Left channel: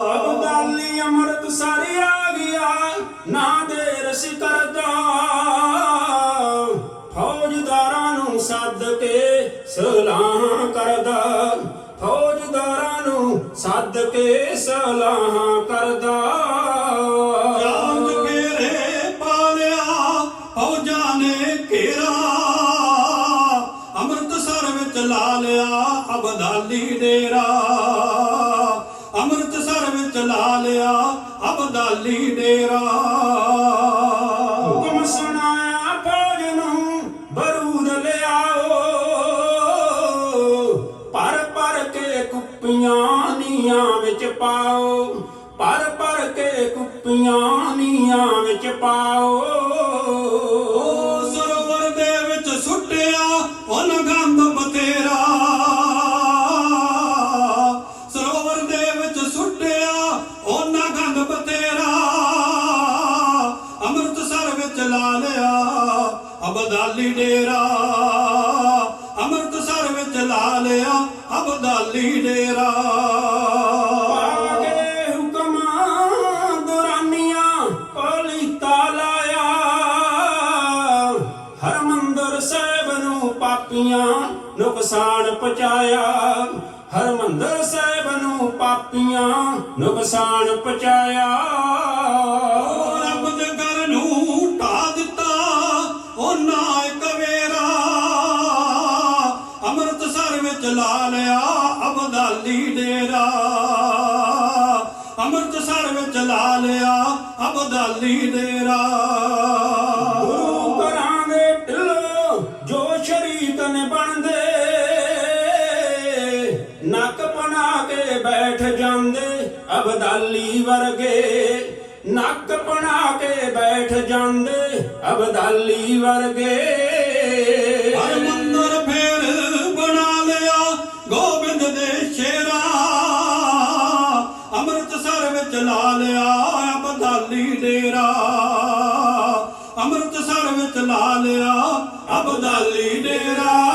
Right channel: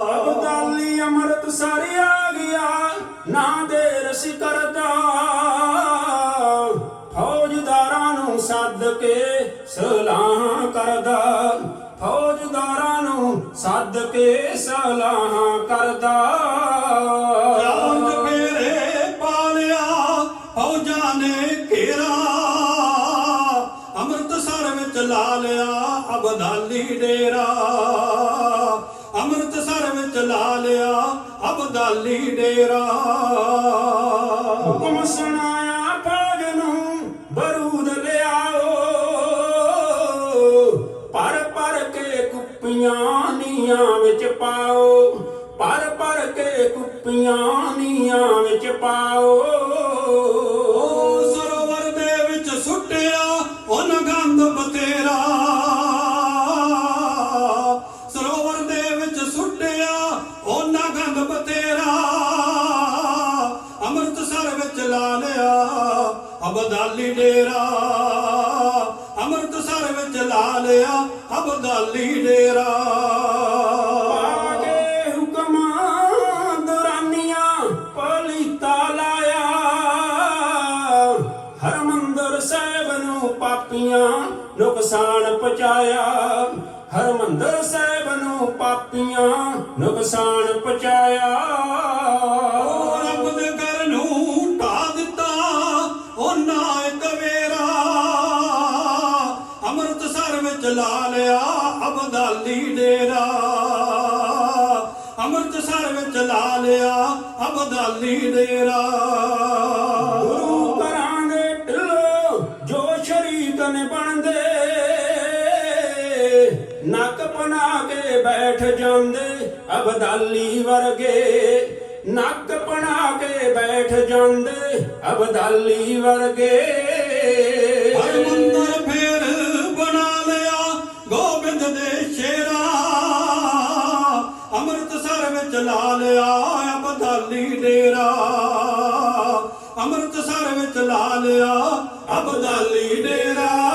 ਅਬਦਾਲੀ ਅੰਮ੍ਰਿਤ ਸਾਰੀ ਆ ਗਿਆ, ਨਾ ਦੇ ਰਸ ਕਰਦਾ। ਫੌਜਦਾਰਾਂ ਨੂੰ ਸੱਦ ਕੇ ਸਲਾਹ ਕਰਦਾ। ਫੌਜਦਾਰਾਂ ਨੂੰ ਸੱਦ ਕੇ ਸਲਾਹ ਕਰਦਾ। ਚਾਂਦ ਘੇਰੇ ਪਾਲਿਆ, ਫੌਜਾਂ ਨੇ ਘੇਰਾ। ਅੰਮ੍ਰਿਤਸਰ ਵਿੱਚ ਲਾ ਲਿਆ ਅਬਦਾਲੀ ਡੇਰਾ। ਅੰਮ੍ਰਿਤਸਰ ਵਿੱਚ ਲਾ ਲਿਆ, ਅਬਦਾਲੀ ਡੇਰਾ। ਹੁਕਮ ਸੁਣਾਇਆ ਫੌਜ ਨੂੰ ਬਰੂਦ ਲਿਆਓ। ਪਰ ਪਰ ਕੇ ਕੁੱਪੀਆਂ ਨੀਆਂ ਵਿੱਚ ਪਾਓ, ਪਰ ਪਰ ਕੇ ਕੁੱਪੀਆਂ ਨੀਆਂ ਵਿੱਚ ਪਾਓ। ਲਾ ਲਿਆ ਅਬਦਾਲੀ ਡੇਰਾ। ਅੰਮ੍ਰਿਤਸਰ ਵਿੱਚ ਲਾ ਲਿਆ ਅਬਦਾਲੀ ਡੇਰਾ। ਹੁਕਮਾਂ ਦੁਰਾਨੀਆਂ, ਪਲੀਤਾ ਲਾਇਆ। ਹਰਮੰਦਰ ਸਾਹਿਬ ਨੂੰ ਪਾਪੀਆਂ ਨੁਕਸਾਨ ਪਹੁੰਚਾਇਆ। ਹਰਮੰਦਰ ਸਾਹਿਬ ਨੂੰ ਪਾਪੀਆਂ ਨੁਕਸਾਨ ਪਹੁੰਚਾਇਆ। ਅੰਮ੍ਰਿਤਸਰ ਲਾ ਲਿਆ ਅਬਦਾਲੀ ਡੇਰਾ। ਅੰਮ੍ਰਿਤਸਰ ਵਿੱਚ ਲਾ ਲਿਆ ਅਬਦਾਲੀ ਡੇਰਾ। ਗੁਰੂ ਘਰਾਂ ਦੇ ਢਿੱਲੋਂ ਜੋ ਸ਼ਰੀਕ ਨੇ ਬਣਦੇ ਨੱਕ ਬਣਾ ਕੇ ਬੈਠ ਜਾਂਦੇ ਅਬਦਾਲੀ ਵਰਗੇ। ਨੱਕ ਬਣਾ ਕੇ ਬੈਠ ਜਾਂਦੇ ਅਬਦਾਲੀ ਵਰਗੇ। ਵਿੱਚ ਲਾ ਲਿਆ ਅਬਦਾਲੀ ਡੇਰਾ। ਅੰਮ੍ਰਿਤਸਰ ਵਿੱਚ ਲਾ ਲਿਆ ਅਬਦਾਲੀ ਡੇਰਾ।